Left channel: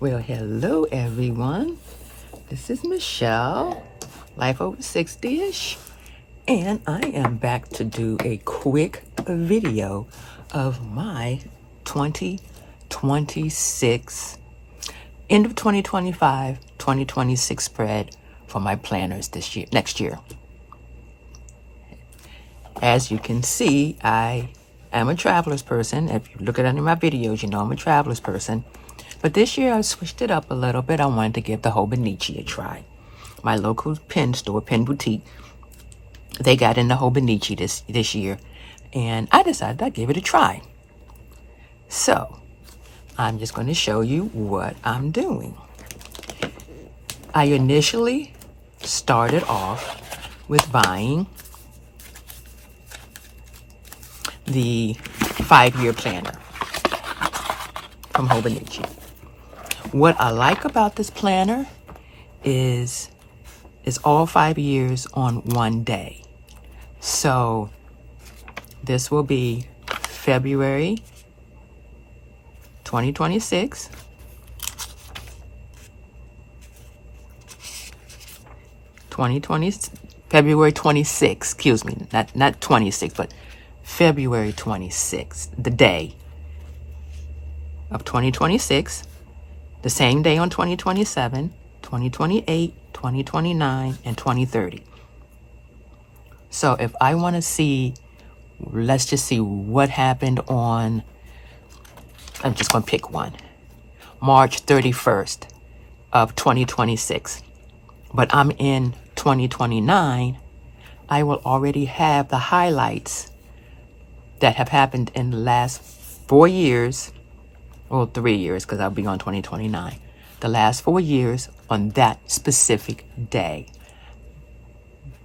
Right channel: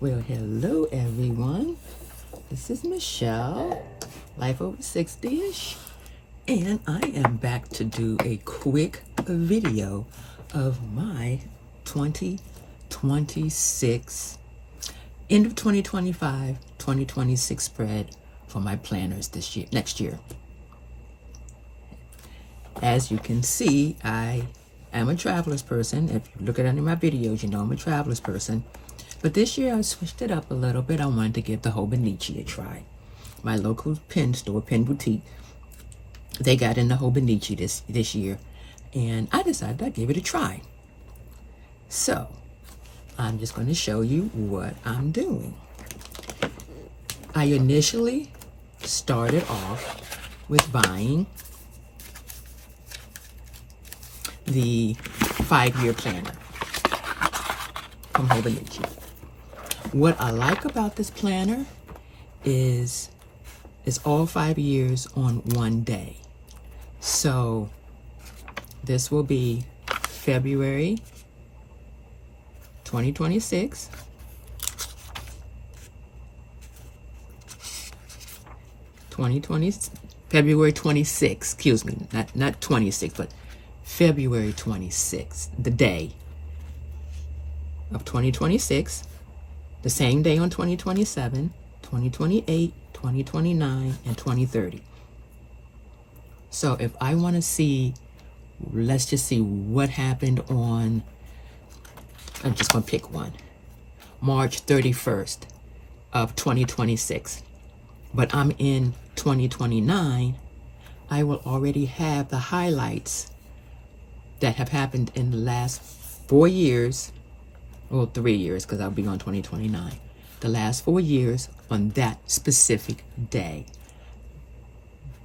Well, hello everyone. This is Michelle, Life Over 60-ish, and I am back to do a quick video of my 2026, end of 2025, 2026 spread for my planners next year. As you can see, I am a traveler's person. If you look at any of my videos, you know I'm a traveler's person. But this year I switched it up a little bit. I wanted to give the Hobonichi a try. My local pen store, pen boutique, they got in the Hobonichi this year, and I decided I'd give it a try. So I'm just going to show you what I'm doing. I initially started off with buying the 5-year planner from Hobonichi. What I like about this planner is it's all 5 years on one day. So this will be February 2026, February 26, excuse me, not 26, but February 26th, the day of 2026, the same day on 2027, 2028, 2029, and 2030. So if I want to see, let's just see what happened on, I'm just going to pick one, March 31st of 2026. But I'm in 2029, I will already have the highlights that have happened in the last 4 years, well, 3 years, because I'll be on 2029. The last 4 years on that specific day.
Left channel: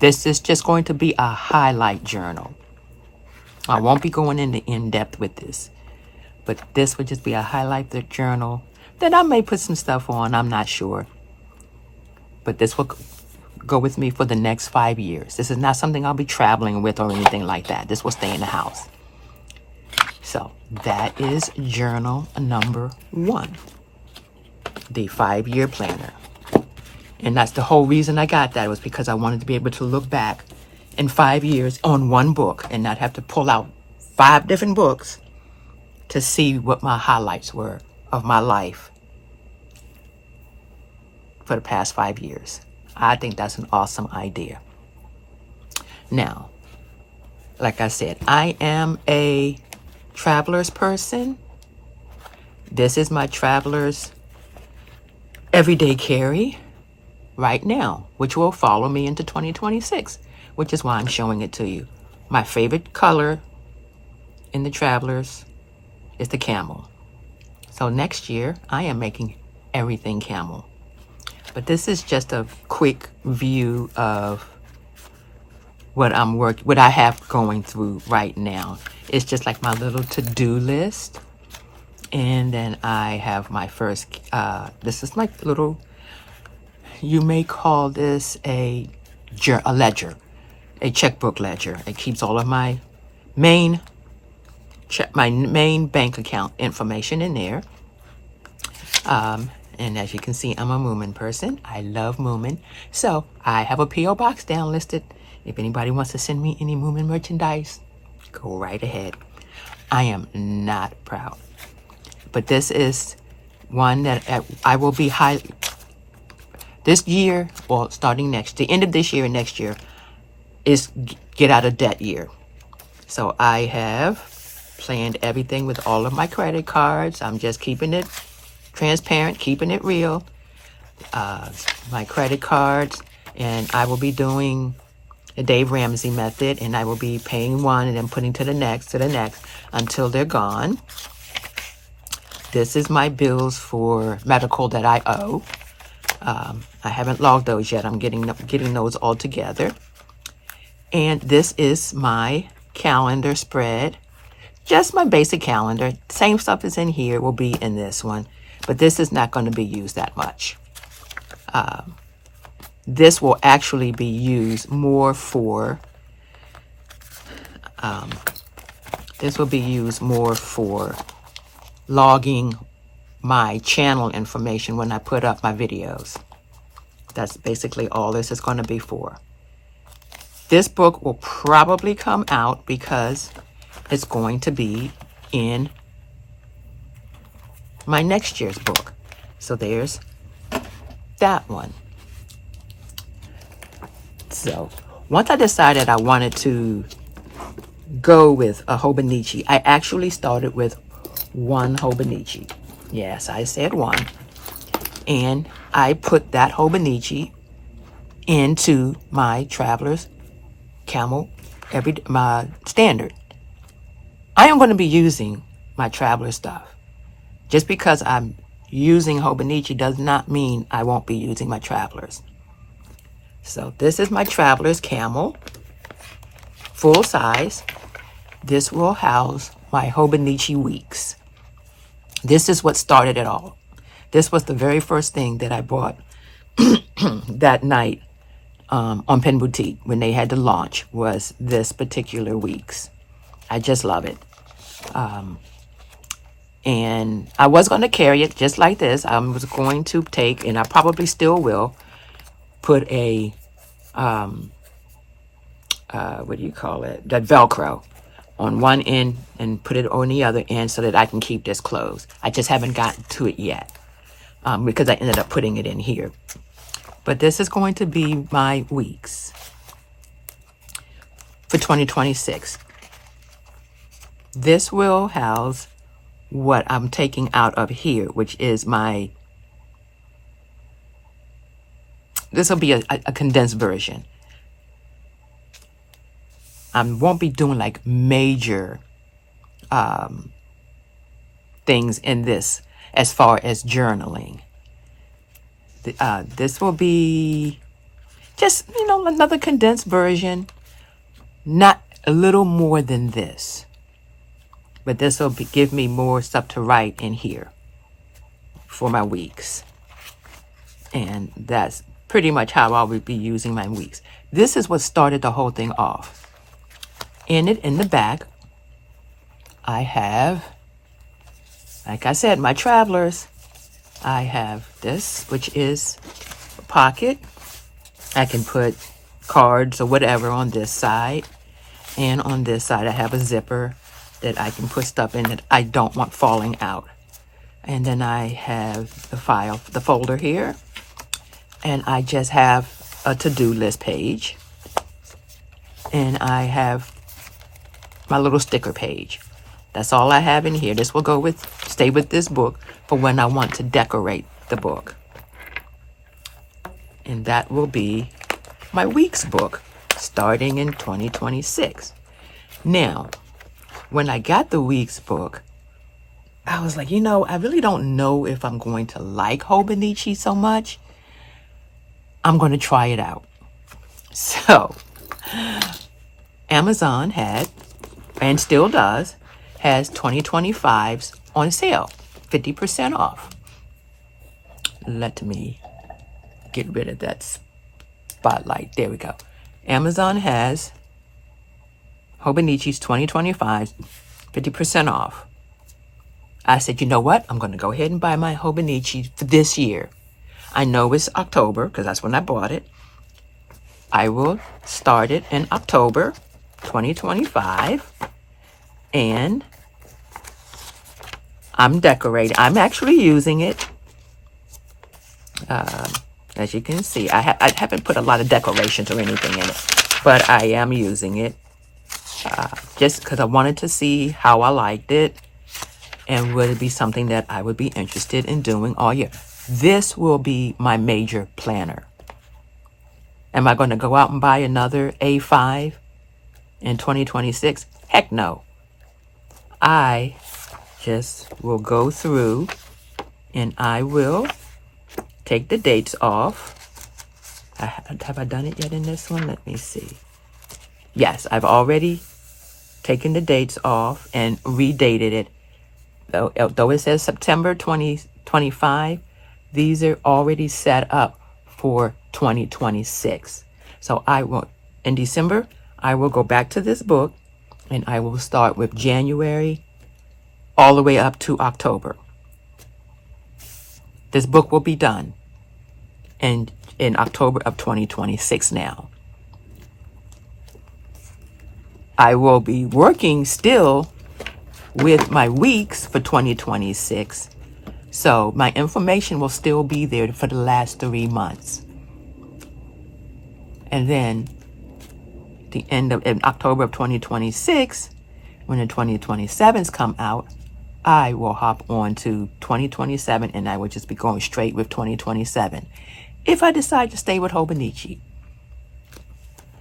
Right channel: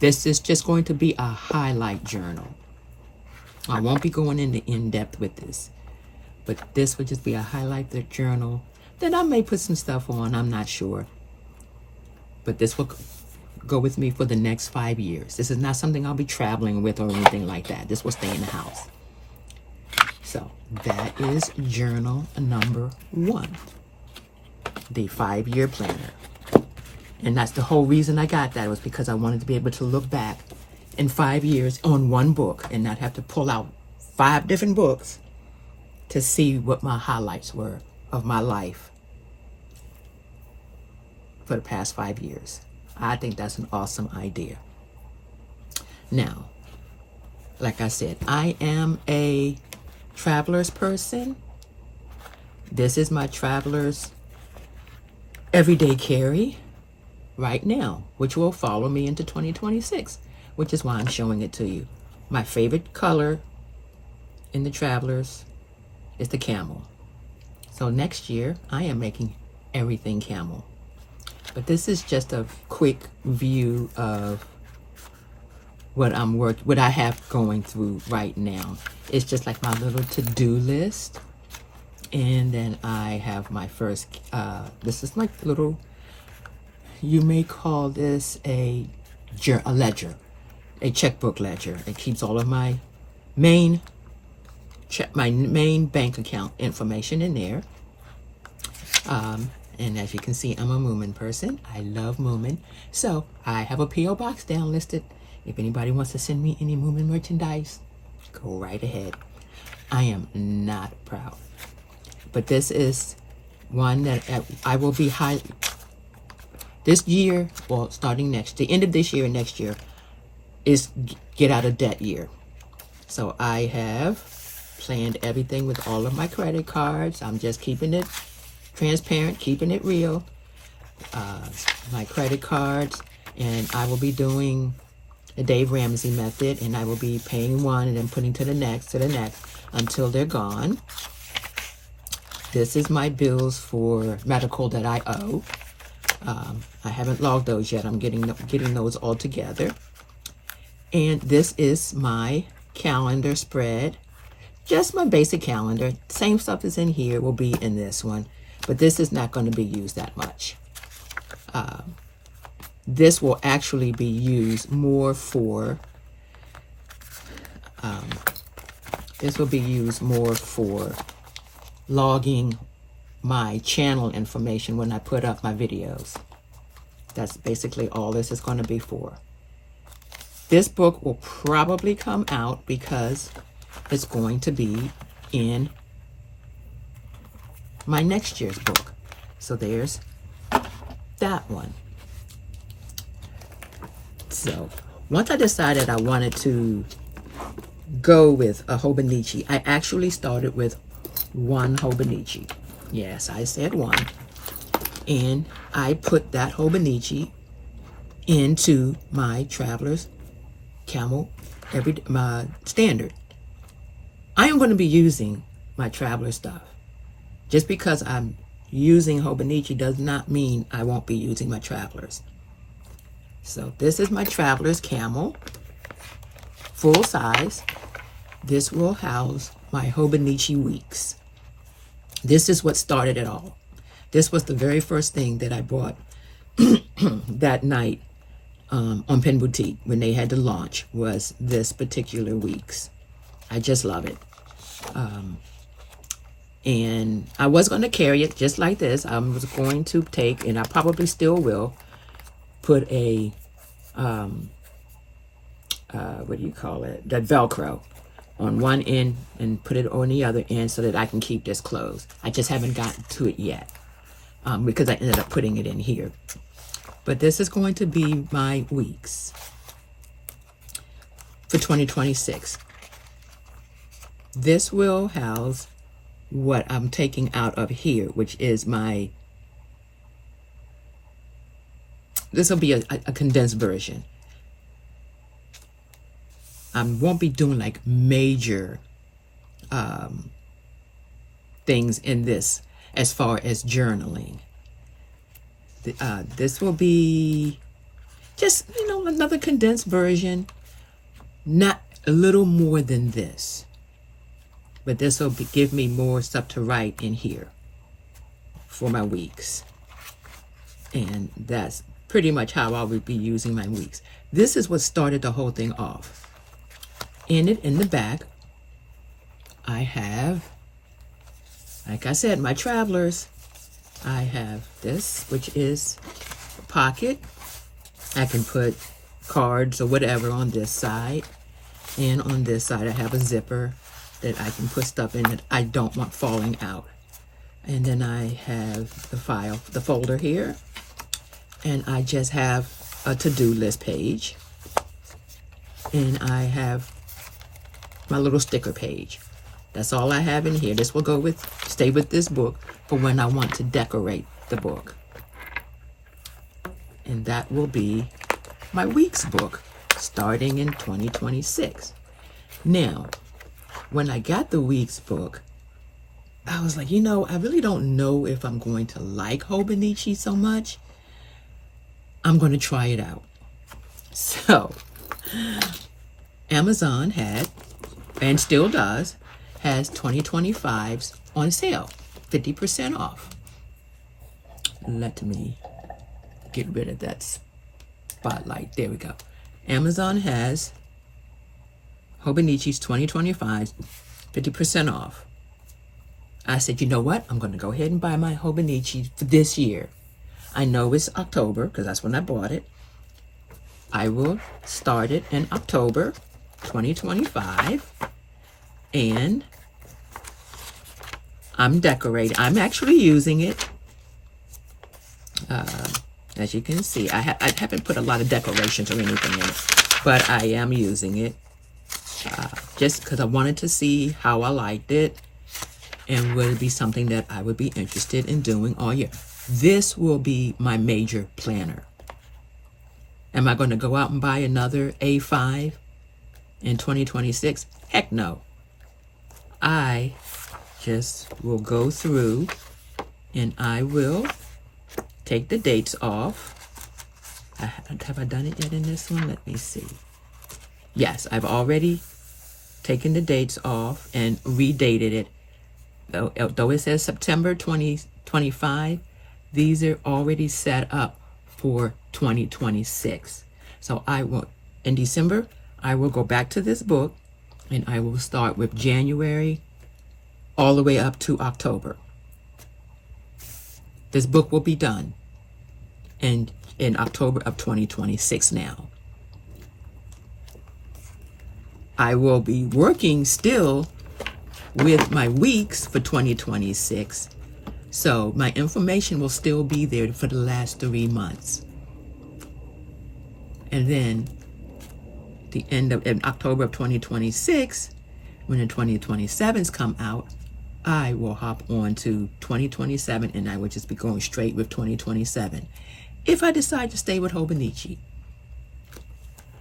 This is just going to be a highlight journal. I won't be going into in-depth with this, but this would just be a highlight journal. Then I may put some stuff on, I'm not sure. But this will go with me for the next 5 years. This is not something I'll be traveling with or anything like that. This will stay in the house. So that is journal number 1, the 5-year planner. And that's the whole reason I got that, was because I wanted to be able to look back in 5 years on one book and not have to pull out 5 different books to see what my highlights were of my life for the past 5 years. I think that's an awesome idea. Now, like I said, I am a traveler's person. This is my traveler's everyday carry right now, which will follow me into 2026, which is why I'm showing it to you. My favorite color in the travelers is the camel. So next year I am making everything camel. But this is just a quick view of what I have going through right now. It's just like my little to-do list. And then I have my first, this is my little, you may call this a ledger, a checkbook ledger. It keeps all of my main bank account information in there. And as you can see, I'm a Moomin person. I love Moomin. So I have a P.O. box down listed. If anybody wants to send me any Moomin merchandise, go right ahead. I am not proud. But this is one that I will be this year, well, starting the end of this year and next year, is get out of debt year. So I have planned everything with all of my credit cards. I'm just keeping it transparent, keeping it real. My credit cards, and I will be doing the Dave Ramsey method, and I will be paying one and then putting to the next until they're gone. This is my bills for medical that I owe. I haven't logged those yet. I'm getting those all together. And this is my calendar spread. Just my basic calendar. Same stuff is in here will be in this one. But this is not going to be used that much. This will actually be used more for logging my channel information when I put up my videos. That's basically all this is going to be for. This book will probably come out because it's going to be in my next year's book. So there's that one. So once I decided I wanted to go with a Hobonichi, I actually started with one Hobonichi. Yes, I said one. And I put that Hobonichi into my Traveler's Camel, my standard. I am going to be using my Traveler stuff. Just because I'm using Hobonichi does not mean I won't be using my Travelers. So this is my Traveler's Camel, full size. This will house my Hobonichi Weeks. This is what started it all. This was the very first thing that I bought that night on Pen Boutique when they had to launch, was this particular Weeks. I just love it. And I was going to carry it just like this. I was going to take, and I probably still will, put a, what do you call it? That Velcro on one end and put it on the other end so that I can keep this closed. I just haven't gotten to it yet because I ended up putting it in here. But this is going to be my weeks for 2026. This will house what I'm taking out of here, which is my, this will be a condensed version. I won't be doing like major things in this as far as journaling. This will be just, another condensed version, not a little more than this. But this will give me more stuff to write in here for my weeks. And that's pretty much how I will be using my weeks. This is what started the whole thing off. In the back, I have, like I said, my Travelers. I have this, which is a pocket. I can put cards or whatever on this side. And on this side, I have a zipper that I can put stuff in that I don't want falling out. And then I have the folder here. And I just have a to-do list page. And I have my little sticker page. That's all I have in here. This will stay with this book for when I want to decorate the book. And that will be my weeks book starting in 2026. Now, when I got the weeks book, I was like, I really don't know if I'm going to like Hobonichi so much. I'm going to try it out. So, Amazon had, and still does, has 2025s on sale, 50% off. Let me get rid of that spotlight. There we go. Amazon has Hobonichi's 2025s, 50% off. I said, you know what? I'm going to go ahead and buy my Hobonichi for this year. I know it's October because that's when I bought it. I will start it in October 2025. And I'm decorating. I'm actually using it. As you can see, I haven't put a lot of decorations or anything in it, but I am using it just because I wanted to see how I liked it and would it be something that I would be interested in doing all year. This will be my major planner. Am I going to go out and buy another A5 in 2026? Heck no. I just will go through and I will take the dates off. Have I done it yet in this one? Let me see. Yes, I've already taken the dates off and redated it. Though it says September 2025, these are already set up for 2026. So I will, in December, I will go back to this book and I will start with January all the way up to October. This book will be done in October of 2026 now. I will be working still with my weeks for 2026. So my information will still be there for the last 3 months. And then in October of 2026, when the 2027s come out, I will hop on to 2027 and I will just be going straight with 2027. If I decide to stay with Hobonichi.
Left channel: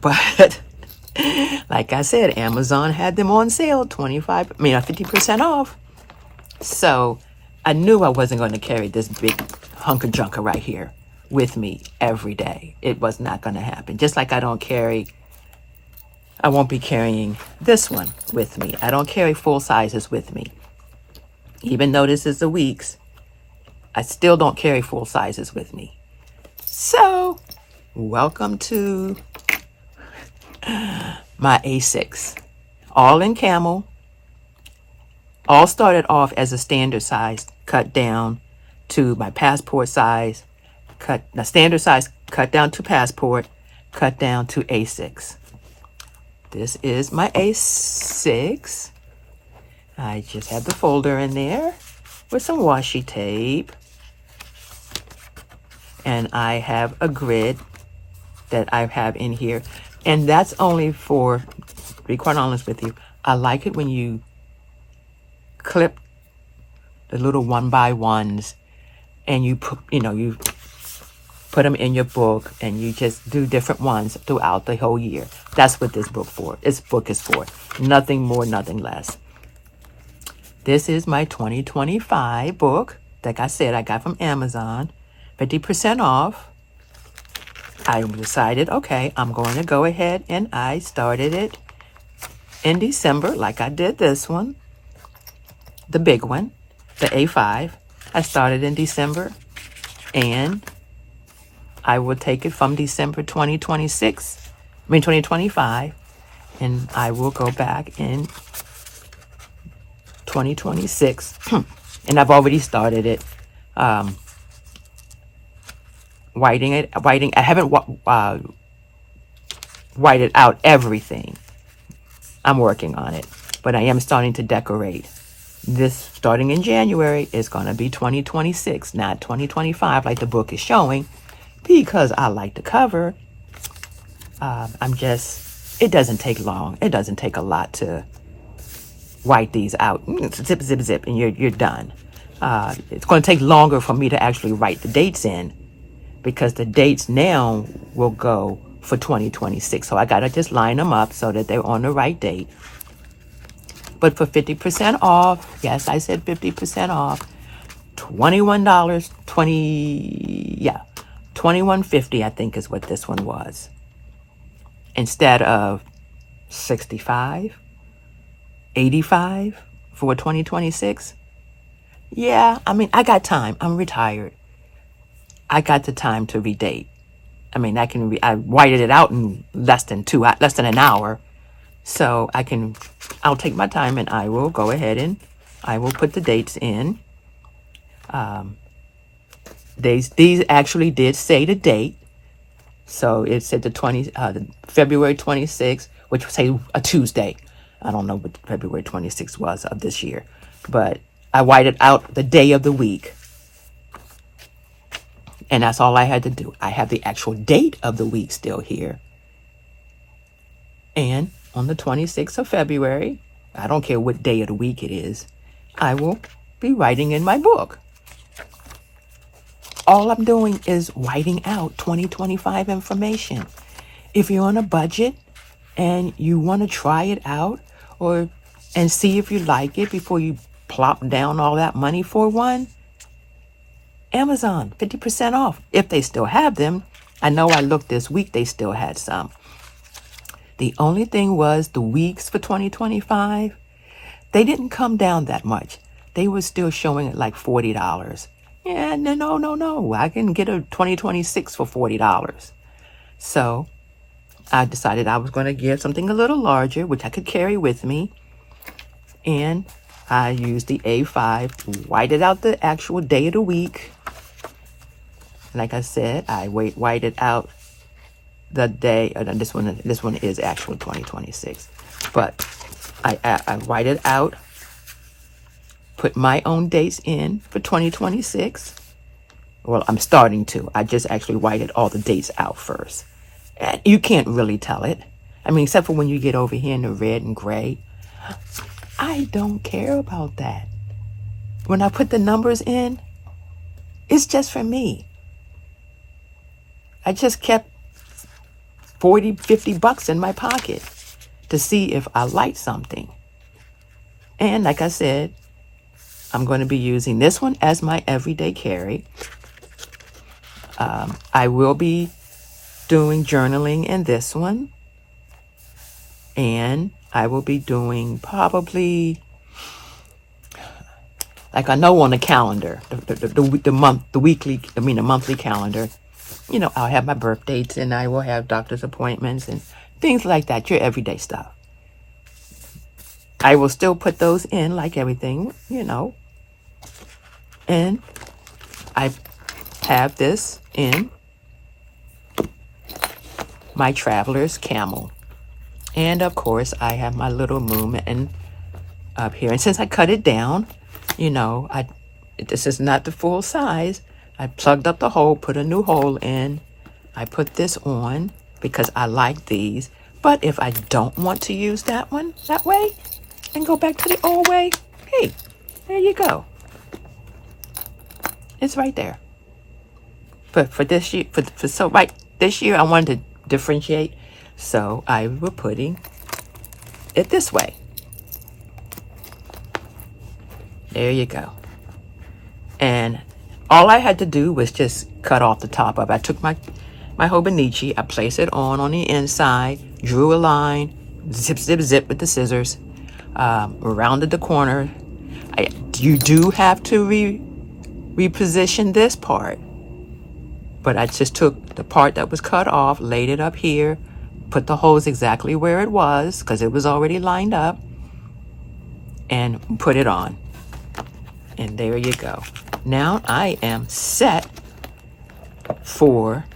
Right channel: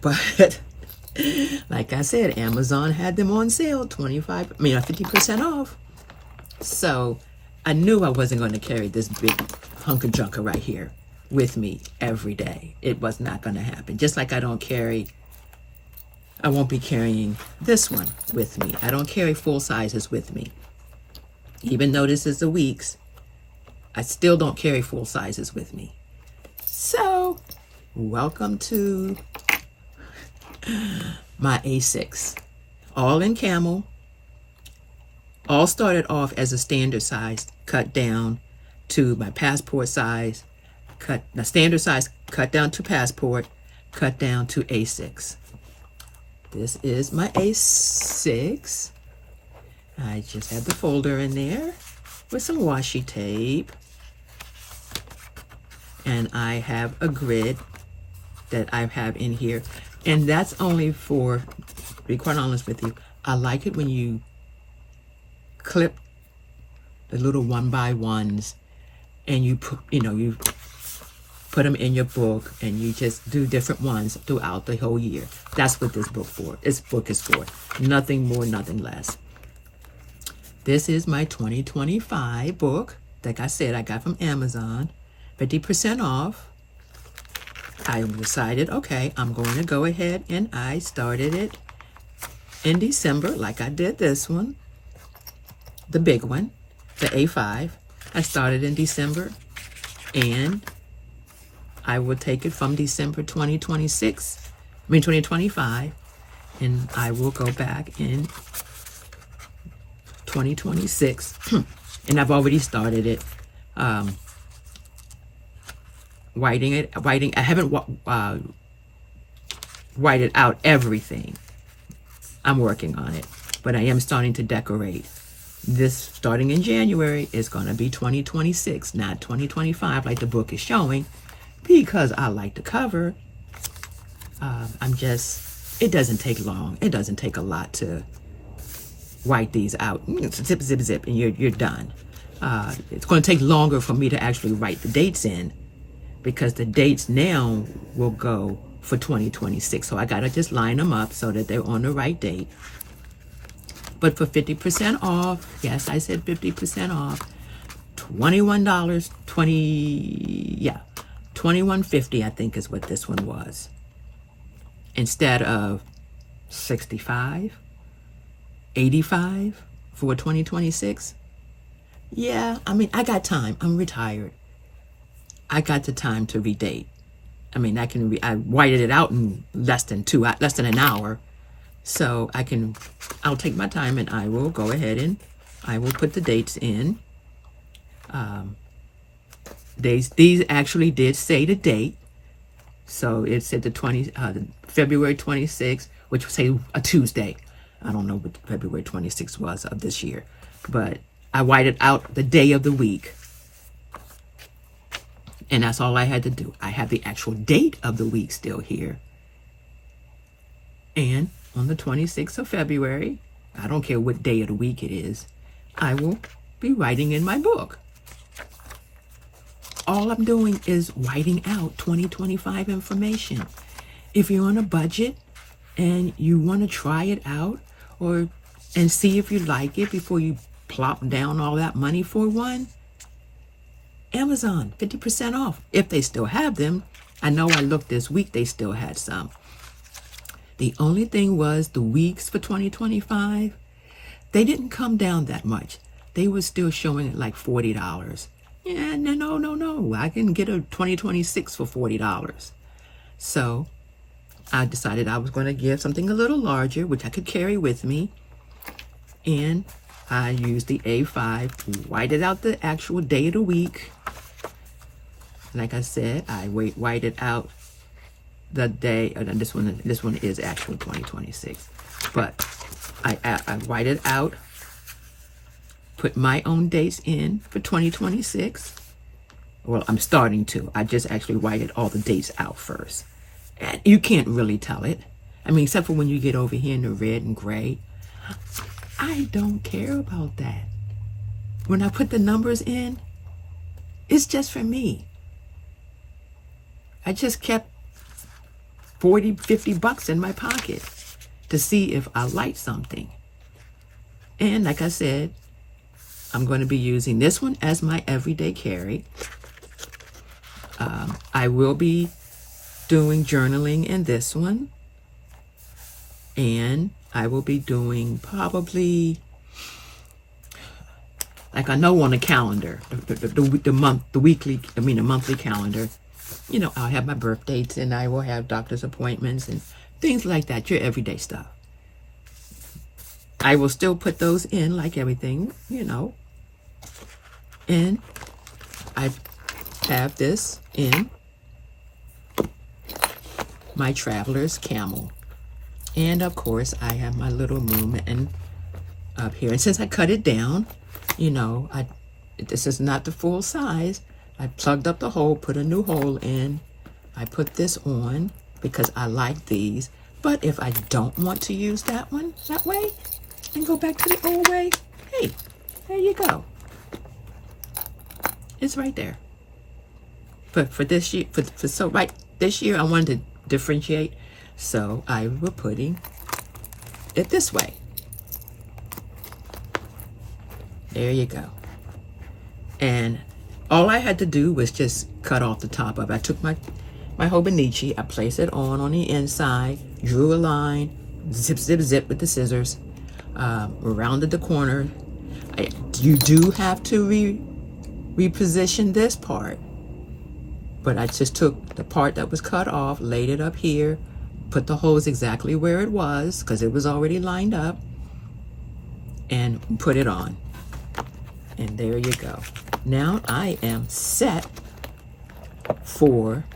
But like I said, Amazon had them on sale, 50% off. So I knew I wasn't going to carry this big hunk of junk right here with me every day. It was not going to happen. Just like I won't be carrying this one with me. I don't carry full sizes with me. Even though this is the weeks, I still don't carry full sizes with me. So, welcome to my A6. All in camel. All started off as a standard size, cut down to my passport size, standard size, cut down to passport, cut down to A6. This is my A6. I just have the folder in there with some washi tape. And I have a grid that I have in here. And that's only for, to be quite honest with you, I like it when you clip the little 1x1s and you put them in your book and you just do different ones throughout the whole year. That's what this book is for. Nothing more, nothing less. This is my 2025 book. Like I said, I got from Amazon, 50% off. I decided, okay, I'm going to go ahead and I started it in December, like I did this one, the big one, the A5. I started in December, and I will take it from December 2025, and I will go back in 2026. And I've already started it. Whiting. I haven't whited out everything. I'm working on it, but I am starting to decorate. This, starting in January, is going to be 2026, not 2025 like the book is showing, because I like the cover. It doesn't take long. It doesn't take a lot to white these out. Zip, zip, zip, and you're done. It's going to take longer for me to actually write the dates in, because the dates now will go for 2026. So I got to just line them up so that they're on the right date. But for 50% off, yes, I said 50% off, $21.50, I think is what this one was. Instead of $65, $85 for 2026. Yeah, I mean, I got time. I'm retired. I got the time to redate. I mean, I whited it out in less than an hour. So I'll take my time and I will go ahead and I will put the dates in. These actually did say the date. So it said the February 26th, which would say a Tuesday. I don't know what February 26th was of this year, but I whited out the day of the week. And that's all I had to do. I have the actual date of the week still here. And on the 26th of February, I don't care what day of the week it is, I will be writing in my book. All I'm doing is writing out 2025 information. If you're on a budget and you want to try it out and see if you like it before you plop down all that money for one, Amazon, 50% off, if they still have them. I know I looked this week, they still had some. The only thing was the weeks for 2025, they didn't come down that much. They were still showing it like $40. Yeah, no. I can get a 2026 for $40. So I decided I was going to get something a little larger, which I could carry with me. And I used the A5, whited out the actual day of the week, like I said, I white it out the day. This one is actually 2026, but I white it out. Put my own dates in for 2026. Well, I'm starting to. I just actually whited all the dates out first. And you can't really tell it. I mean, except for when you get over here in the red and gray. I don't care about that. When I put the numbers in, it's just for me. I just kept 40, 50 bucks in my pocket to see if I liked something. And like I said, I'm going to be using this one as my everyday carry. I will be doing journaling in this one. And I will be doing probably, like I know on the calendar, the monthly calendar, you know, I'll have my birth dates and I will have doctor's appointments and things like that, your everyday stuff. I will still put those in like everything, you know. And I have this in my Traveler's Camel. And of course, I have my little movement up here. And since I cut it down, you know, this is not the full size. I plugged up the hole, put a new hole in. I put this on because I like these. But if I don't want to use that one that way and go back to the old way, hey, there you go. It's right there. But for this year, this year I wanted to differentiate, so I was putting it this way. There you go. And all I had to do was just cut off the top of it. I took my Hobonichi, I placed it on the inside, drew a line, zip, zip, zip with the scissors, rounded the corner. You do have to reposition this part. But I just took the part that was cut off, laid it up here, put the hose exactly where it was, because it was already lined up, and put it on. And there you go. Now I am set for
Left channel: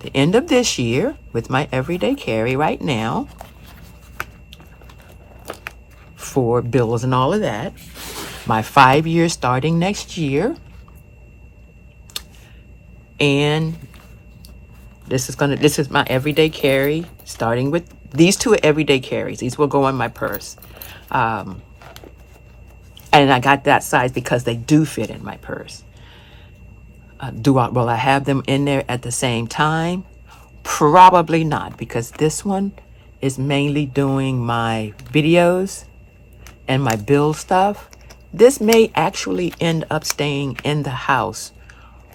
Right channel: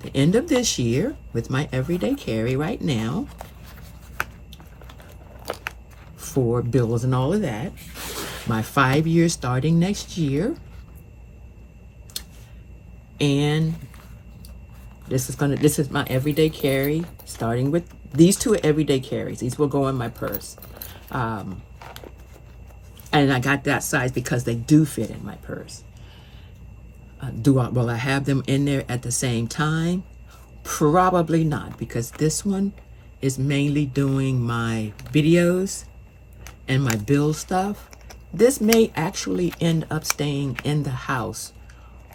the end of this year with my everyday carry right now for bills and all of that. My 5 years starting next year. And this is my everyday carry, starting with these two are everyday carries. These will go on my purse. And I got that size because they do fit in my purse. Will I have them in there at the same time? Probably not, because this one is mainly doing my videos and my bill stuff. This may actually end up staying in the house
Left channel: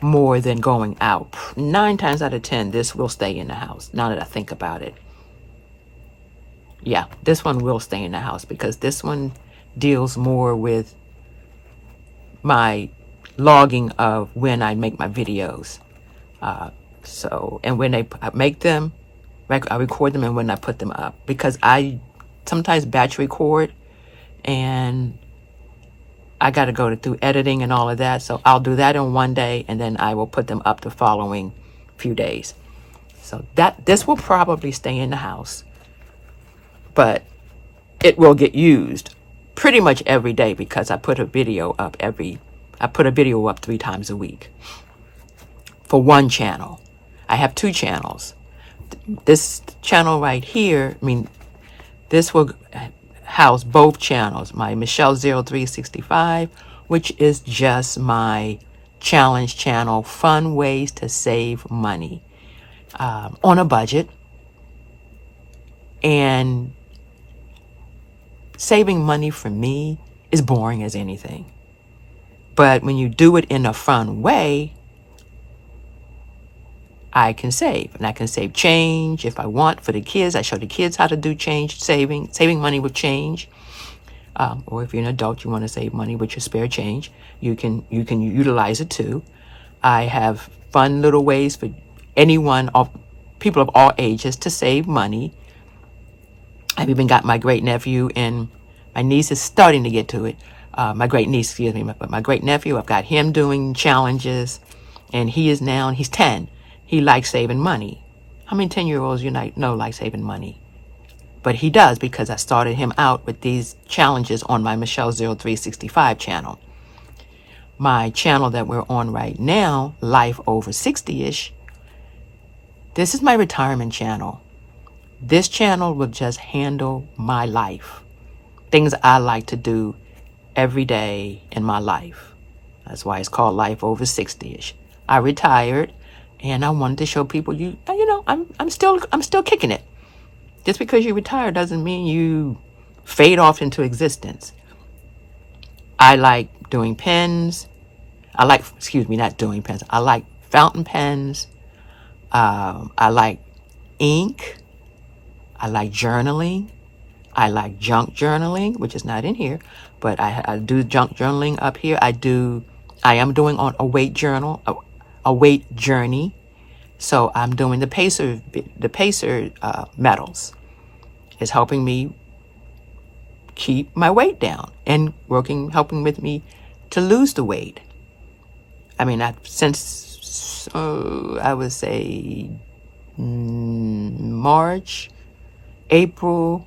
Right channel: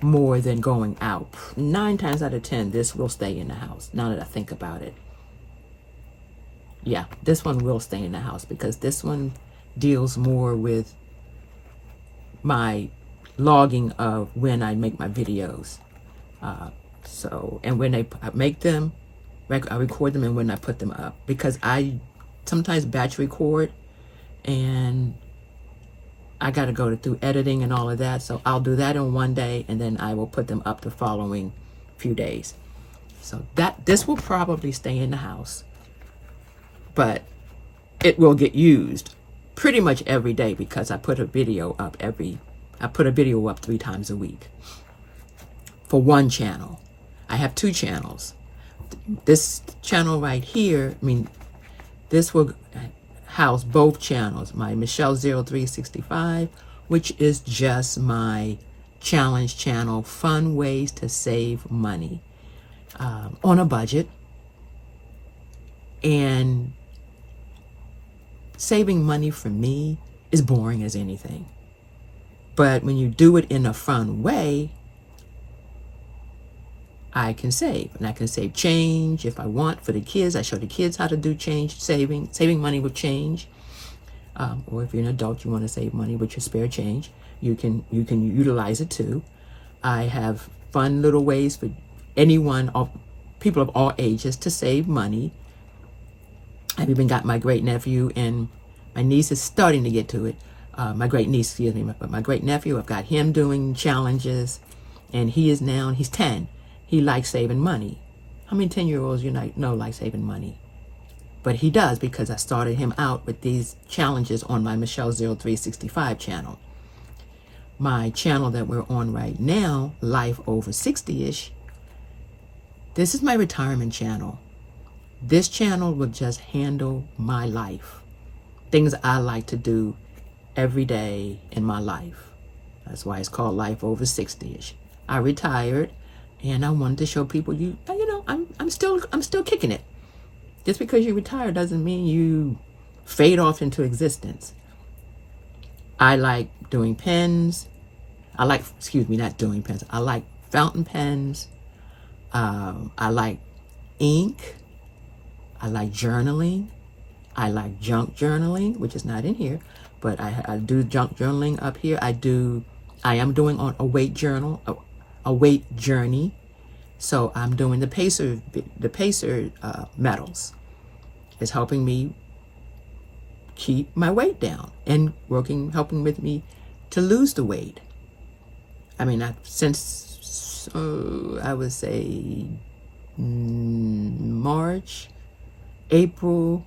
more than going out. 9 times out of 10, this will stay in the house, now that I think about it. Yeah, this one will stay in the house because this one deals more with my logging of when I make my videos. And when I make them, I record them and when I put them up. Because I sometimes batch record and I got to go through editing and all of that. So I'll do that in one day and then I will put them up the following few days. So this will probably stay in the house, but it will get used pretty much every day because I put a video up 3 times a week for one channel. I have 2 channels. This channel right here, this will house both channels. My Michelle 0365, which is just my challenge channel, fun ways to save money on a budget. And saving money for me is boring as anything. But when you do it in a fun way, I can save. And I can save change if I want for the kids. I show the kids how to do change saving money with change. Or if you're an adult, you want to save money with your spare change, you can utilize it too. I have fun little ways for people of all ages to save money. I've even got my great nephew, and my niece is starting to get to it. My great niece, but my great nephew, I've got him doing challenges. And he's 10. He likes saving money. How many 10-year-olds you know like saving money? But he does, because I started him out with these challenges on my Michelle0365 channel. My channel that we're on right now, Life Over 60-ish, this is my retirement channel. This channel will just handle my life. Things I like to do every day in my life. That's why it's called Life Over 60-ish. I retired, and I wanted to show people I'm still kicking it. Just because you retire doesn't mean you fade off into existence. I like doing pens. Not doing pens. I like fountain pens. I like ink. I like journaling. I like junk journaling, which is not in here, but I do junk journaling up here. I am doing on a weight journal, a weight journey. So I'm doing the pacer metals. It's helping me keep my weight down and helping with me to lose the weight. I mean, since I would say March, April.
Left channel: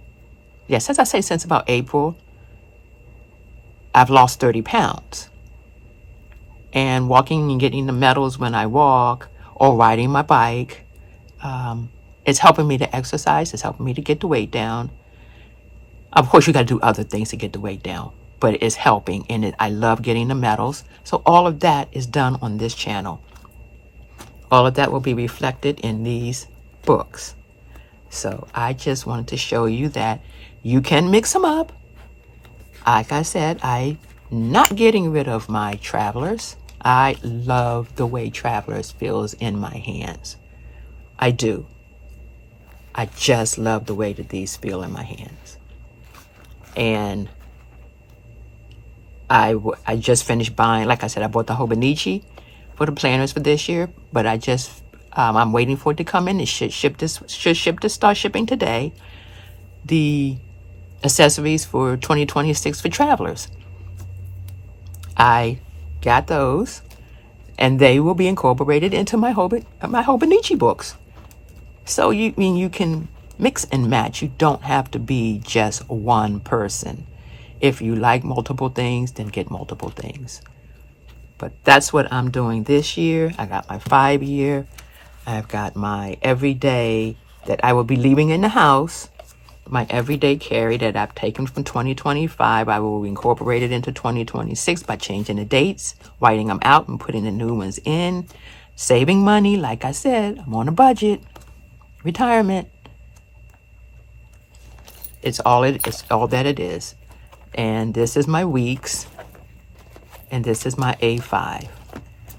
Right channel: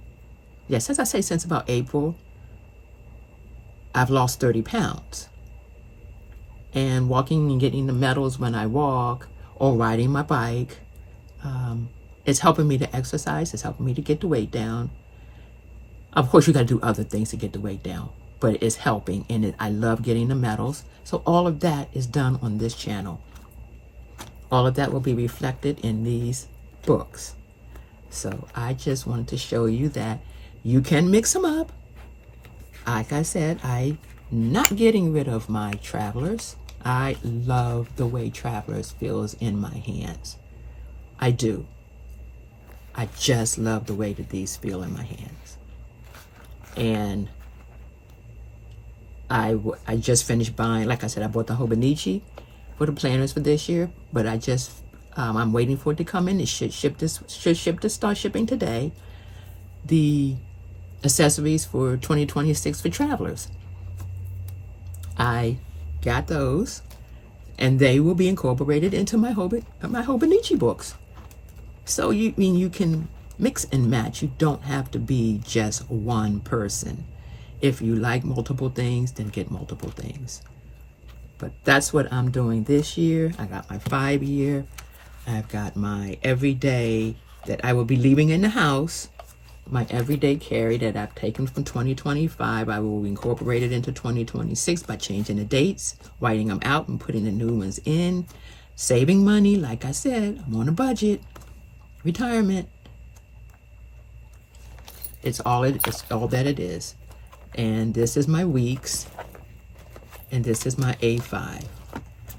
Yes, as I say, since about April, I've lost 30 pounds. And walking and getting the medals when I walk or riding my bike, it's helping me to exercise. It's helping me to get the weight down. Of course, you got to do other things to get the weight down, but it's helping. And I love getting the medals. So all of that is done on this channel. All of that will be reflected in these books. So I just wanted to show you that you can mix them up. Like I said, I'm not getting rid of my Travelers. I love the way Travelers feels in my hands. I do. I just love the way that these feel in my hands. And I just finished buying, like I said, I bought the Hobonichi for the planners for this year, but I'm waiting for it to come in. It should start shipping today. The accessories for 2026 for Travelers. I got those, and they will be incorporated into my Hobonichi books. So you can mix and match. You don't have to be just one person. If you like multiple things, then get multiple things. But that's what I'm doing this year. I got my 5-year. I've got my everyday that I will be leaving in the house. My everyday carry that I've taken from 2025, I will incorporate it into 2026 by changing the dates, writing them out and putting the new ones in, saving money. Like I said, I'm on a budget. Retirement. It's all that it is. And this is my weeks. And this is my A5.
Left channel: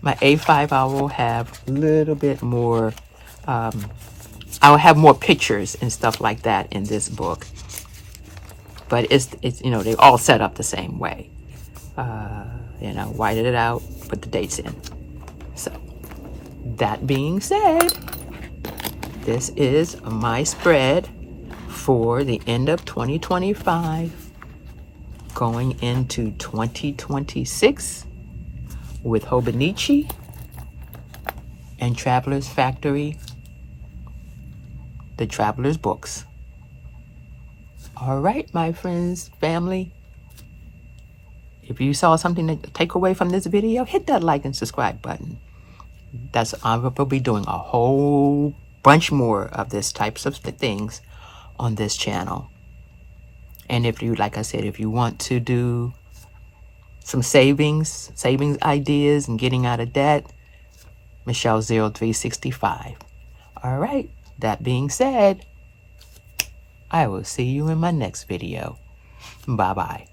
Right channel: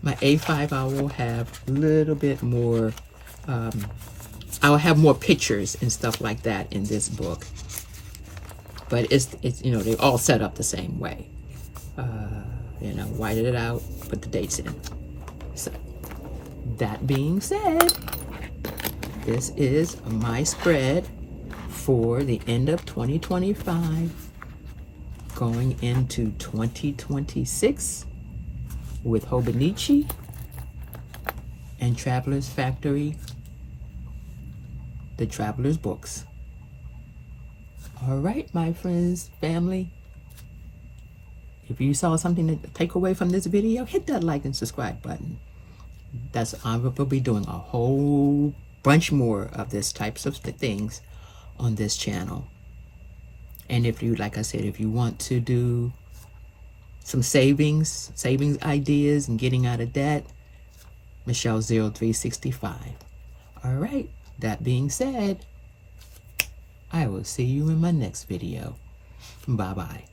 My A5, I will have a little bit more, I'll have more pictures and stuff like that in this book. But it's they all set up the same way. Whited it out, put the dates in. So, that being said, this is my spread for the end of 2025, going into 2026 with Hobonichi and Travelers Factory, the Travelers books. All right, my friends, family. If you saw something to take away from this video, hit that like and subscribe button. I will be doing a whole bunch more of this types of things on this channel. And if you, like I said, if you want to do some savings ideas and getting out of debt, Michelle0365. All right, that being said, I will see you in my next video. Bye-bye.